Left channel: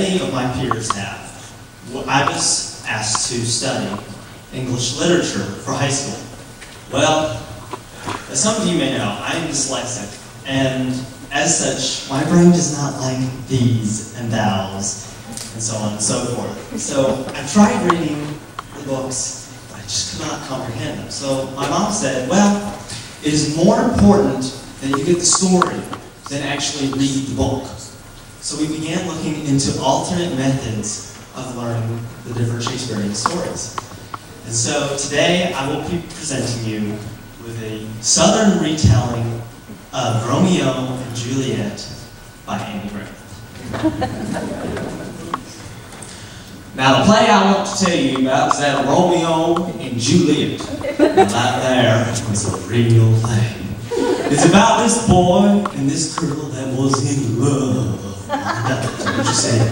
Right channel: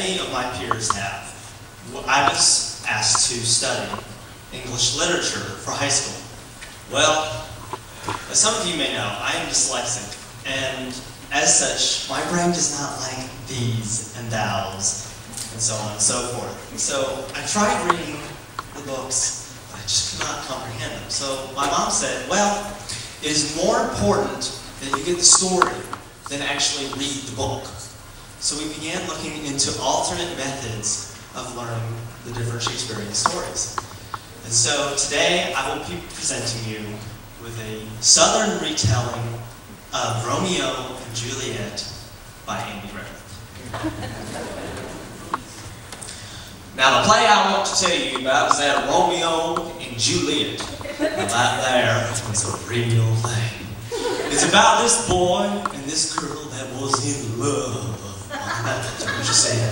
many of my peers have, I was asked to study English literature for high school. Well, as some of you may know, I am dyslexic, and as such, my brain does not like these and thous, and so on and so forth. So I tried reading the books, but I just could not comprehend them. So my mom said, well, it is more important that you get the story than actually read the book. So we began looking into alternate methods of learning the different Shakespearean stories. And so today I will be presenting you with a Southern retelling of Romeo and Juliet by Andy Griffith. Now the play I want to tell you about is that of Romeo and Juliet. And right there is a real thing. It's about this boy and this girl that was in love. That's what you said.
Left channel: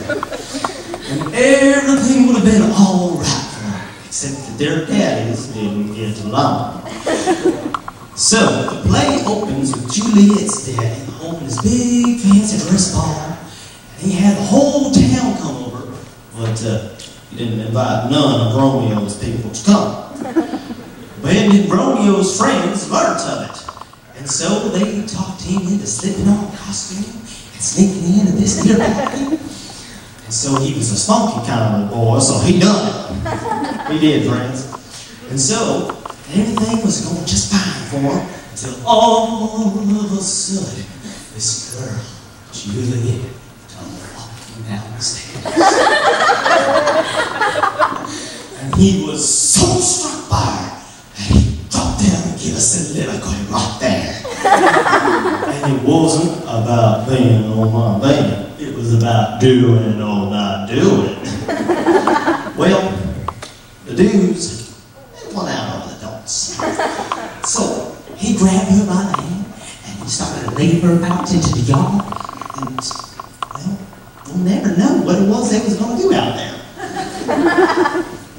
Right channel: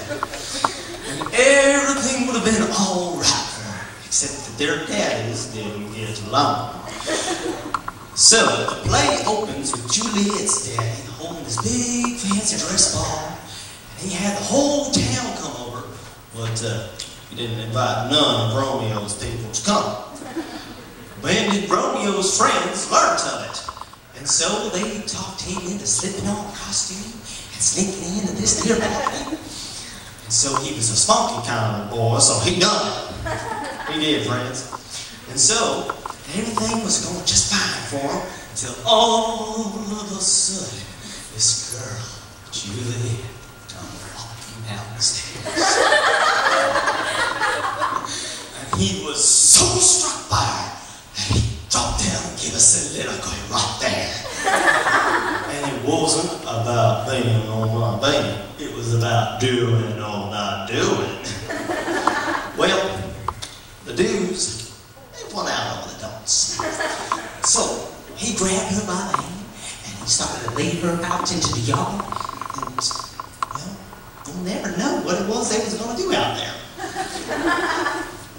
And everything would have been alright for them, except that their daddies didn't get along. So, the play opens with Juliet's daddy holding this big fancy dress ball, and he had the whole town come over, but he didn't invite none of Romeo's people to come. But Romeo's friends learned of it, and so they talked him into slipping on costume and sneaking into this here party. And so he was a spunky kind of boy, so he done it. He did, friends. And so everything was going just fine for him until all of a sudden, this girl, Juliet, come walking down the stairs. And he was so struck by her that he dropped down and gave us a soliloquy right there. And it wasn't about being on my baby. It was about doing or not doing. Well, the dudes, they went out over the don'ts. So he grabbed her by the hand and he started to lead her out into the yard. And, well, we'll never know what it was they was going to do out there.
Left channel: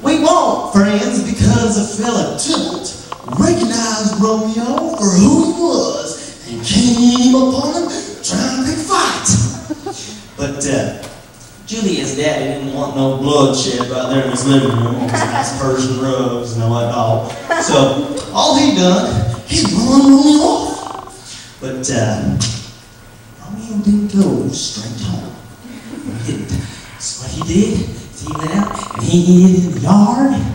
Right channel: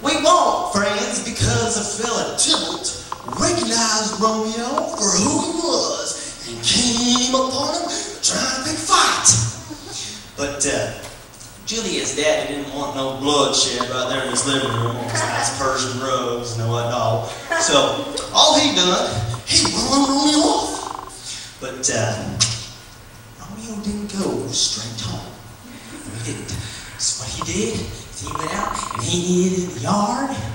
We won't, friends, because a fella Tilt recognized Romeo for who he was and came upon him trying to pick a fight. But Juliet's daddy didn't want no bloodshed right there in his living room on his nice Persian rugs and whatnot. So all he done, he run Romeo off. But Romeo didn't go straight home. He didn't. So what he did is he went out and he hid in the yard and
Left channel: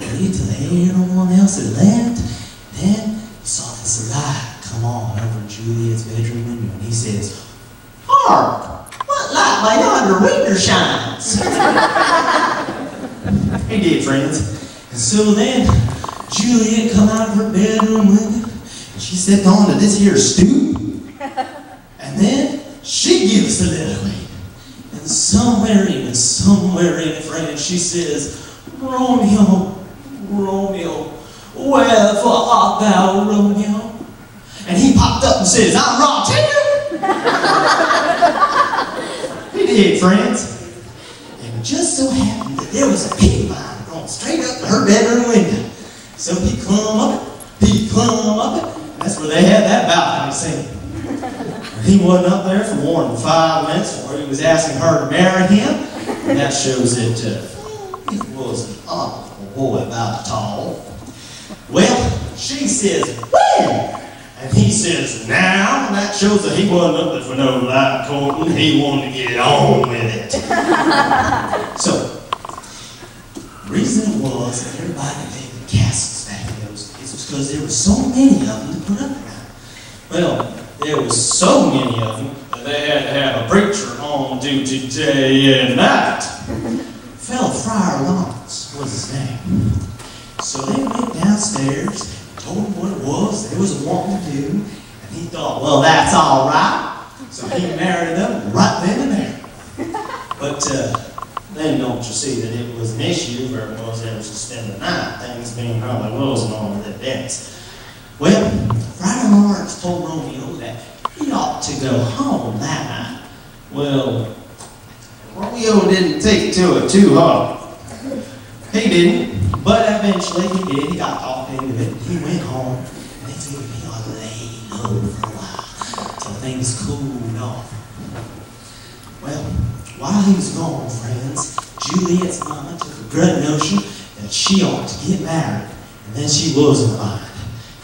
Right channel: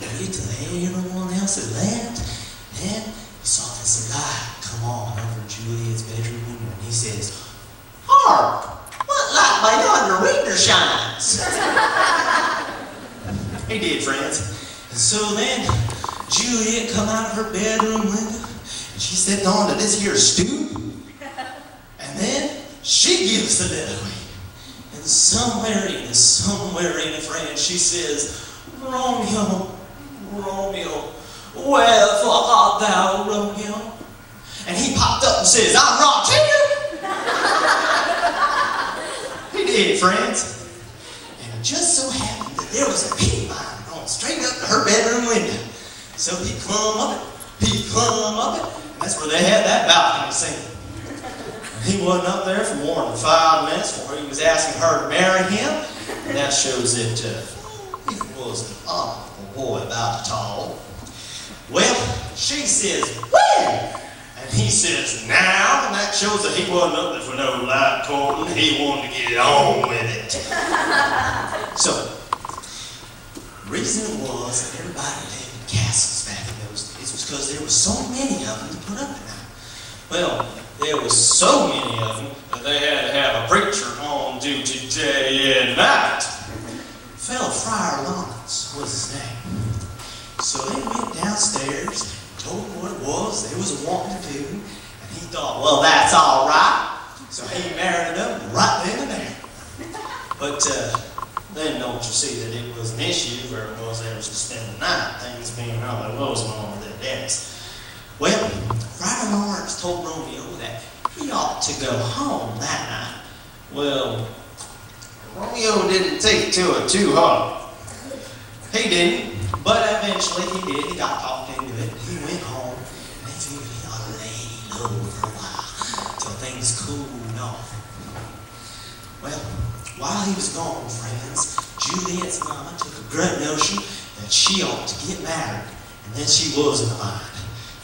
waited till everyone else had left. Then he saw this light come on over Juliet's bedroom window and he says, "Hark! What light by yonder window shines?" He did, friends. And so then Juliet come out of her bedroom window and she stepped onto this here stoop. And then she gives a soliloquy. And somewhere in it, friends, she says, "Romeo, Romeo, wherefore art thou, Romeo?" And he popped up and says, "I'm right here." He did, friends. And it just so happened that there was a pig vine going straight up to her bedroom window. So he clumb up it, and that's where they had that balcony scene. And he wasn't up there for more than 5 minutes before he was asking her to marry him. And that shows that he was an honorable boy about the tall. Well, she says, "When?" And he says, "Now," and that shows that he wasn't up there for no light courting. He wanted to get on with it. So, the reason was that everybody lived in castles back in those days was because there were so many of them to put up at night. Well, there was so many of them that they had to have a preacher on duty day and night. Fellow Friar Lawrence was his name. So they went downstairs, told him what it was they was wanting to do, and he thought, well, that's all right. So he married them right then and there. But then don't you see that it was an issue where it was they was to spend the night, things being how they was and all of their debts. Well, Friar Lawrence told Romeo that he ought to go home that night. Well, Romeo didn't take to it too hard. He didn't, but eventually he did. He got talked into it. He went home, and he figured he ought to lay low for a while till things cooled off. Well, while he was gone, friends, Juliet's mama took a great notion that she ought to get married, and then she was in the mind.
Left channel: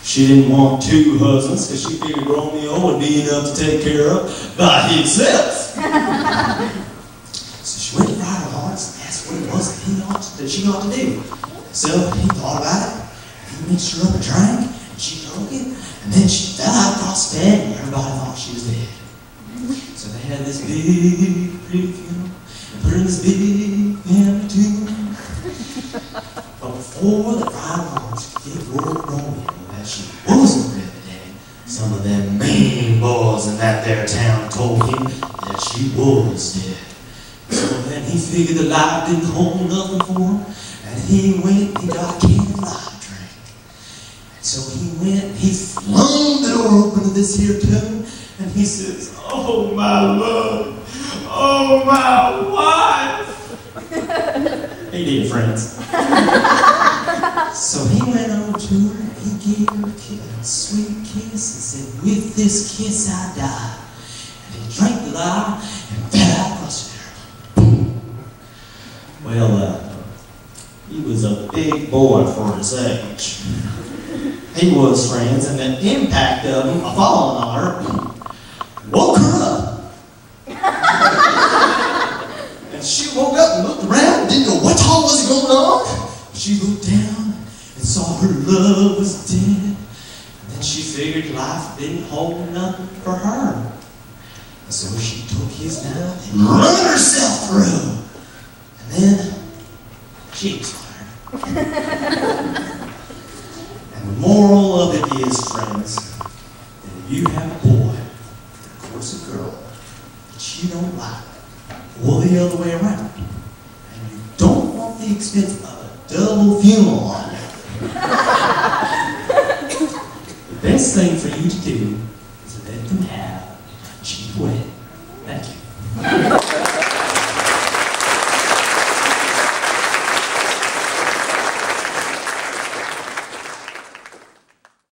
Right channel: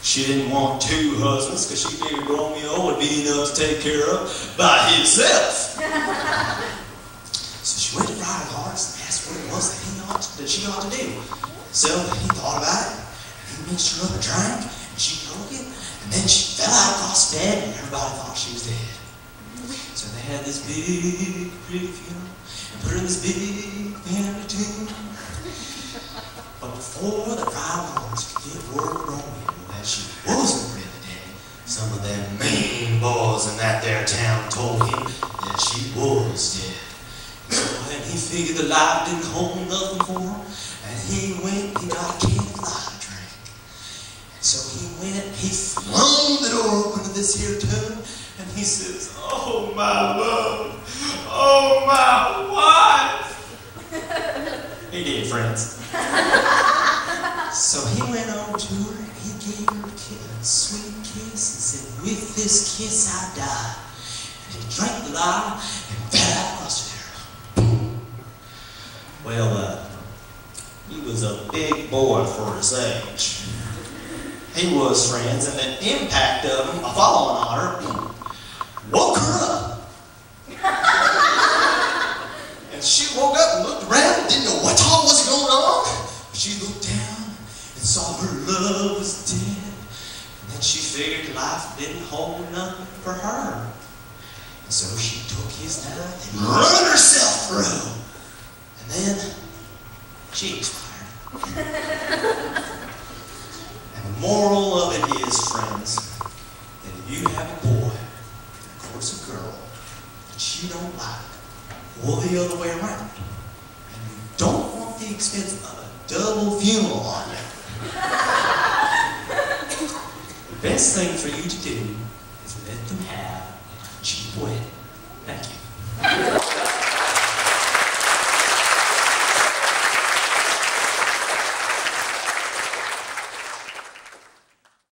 She didn't want two husbands because she figured Romeo would be enough to take care of by himself. So she went to Friar Hearts and asked what it was that she ought to do. So he thought about it, and he mixed her up a drink, and she took it, and then she fell out across the bed, and everybody thought she was dead. So they had this big, pretty funeral, and put her in this big family tomb. But before the Friar Hearts could get word of Romeo that she wasn't really dead, some of them mean boys in that there town told him that she was dead. So then he figured the life didn't hold nothing for him, and he went and he got a candlelight drink. And so he went and he flung the door open to this here tomb, and he says, "Oh, my love, oh, my wife." He did, friends. So he went over to her and he gave her a sweet kiss and said, "With this kiss I die." And he drank the light and fell out across there. Well, he was a big boy for his age. He was, friends, and the impact of him, falling on her, woke her up. And she woke up and looked around and didn't know what all was going on. She looked down and saw her love was dead. And then she figured life didn't hold nothing for her. And so she took his knife and run herself through. And then she expired. And the moral of it is, friends, that if you have a boy, and of course a girl, that you don't like, or the other way around, and you don't want the expense of a double funeral on you, the best thing for you to do is let them have a cheap wedding.